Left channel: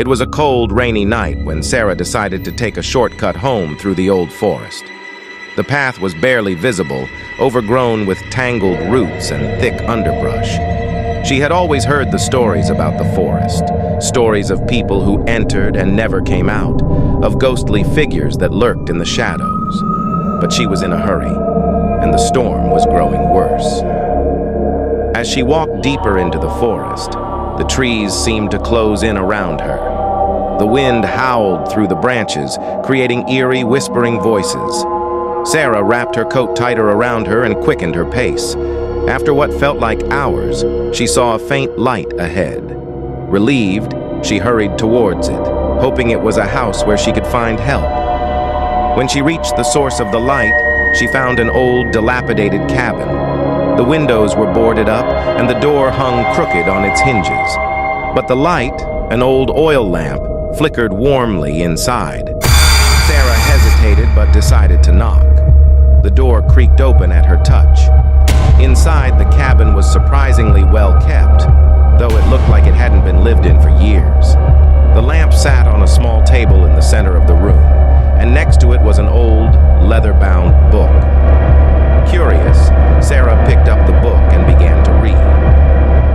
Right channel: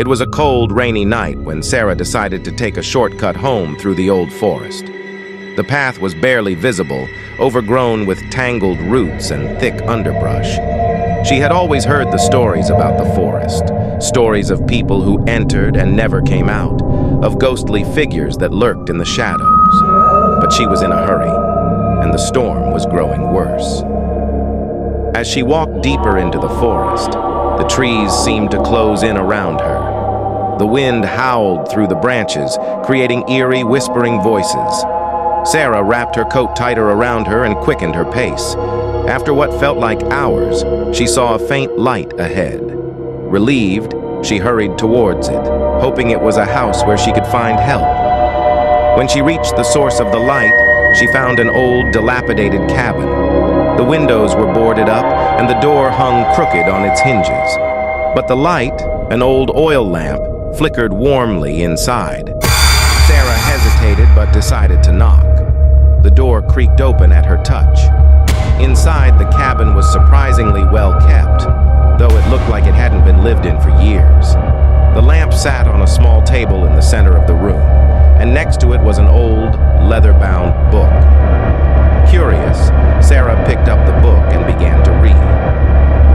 It was a cold, rainy night when Sarah decided to take a shortcut home through the old forest. The path was barely visible, overgrown with tangled roots and thick underbrush. She had always heard the stories about the forest, stories of people who entered and never came out, of ghostly figures that lurked in the shadows. But she was in a hurry, and the storm was growing worse. As she walked deeper into the forest, the trees seemed to close in around her. The wind howled through the branches, creating eerie, whispering voices. Sarah wrapped her coat tighter around her and quickened her pace. After what felt like hours, she saw a faint light ahead. Relieved, she hurried towards it, hoping it was a house where she could find help. When she reached the source of the light, she found an old, dilapidated cabin. The windows were boarded up, and the door hung crooked on its hinges. But the light, an old oil lamp, flickered warmly inside. Sarah hesitated but decided to knock. The door creaked open at her touch. Inside, the cabin was surprisingly well kept, though it looked like it hadn't been lived in for years. The lamp sat on a small table in the center of the room, and next to it was an old, leather-bound book. Curious, Sarah picked up the book and began to read.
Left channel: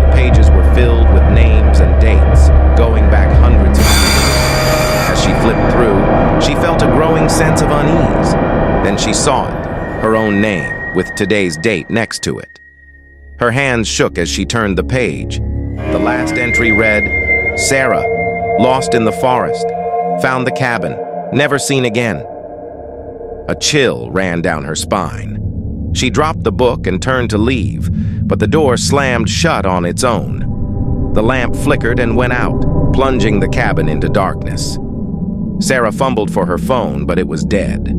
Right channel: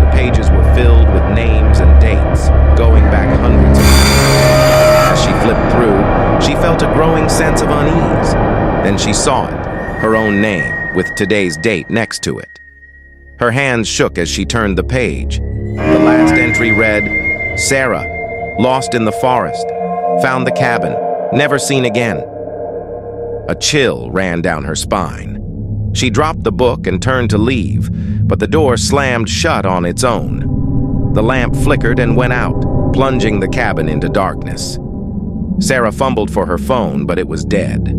The pages were filled with names and dates, going back hundreds of years. As she flipped through, she felt a growing sense of unease. Then she saw it, her own name, with today's date next to it. Her hands shook as she turned the page. The last entry read, "Sarah, lost in the forest, found the cabin, never seen again." A chill ran down her spine. She dropped the book and turned to leave, but the door slammed shut on its own. The lamp flickered and went out, plunging the cabin into darkness. Sarah fumbled for her phone, but it was dead.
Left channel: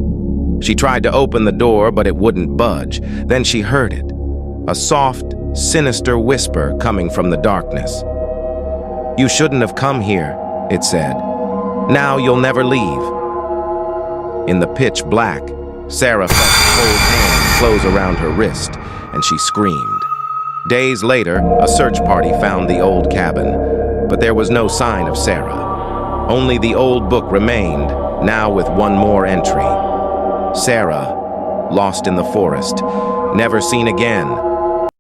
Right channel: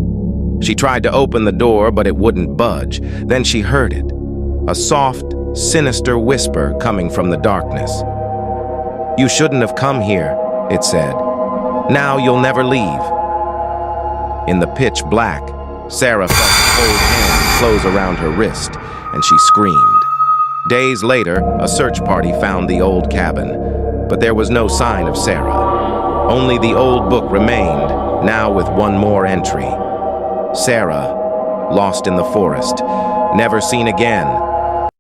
She tried to open the door, but it wouldn't budge. Then she heard it, a soft, sinister whisper coming from the darkness. "You shouldn't have come here," it said. "Now you'll never leave." In the pitch black, Sarah felt a cold hand close around her wrist, and she screamed. Days later, a search party found the old cabin, but there was no sign of Sarah. Only the old book remained, now with one more entry. Sarah, lost in the forest, never seen again,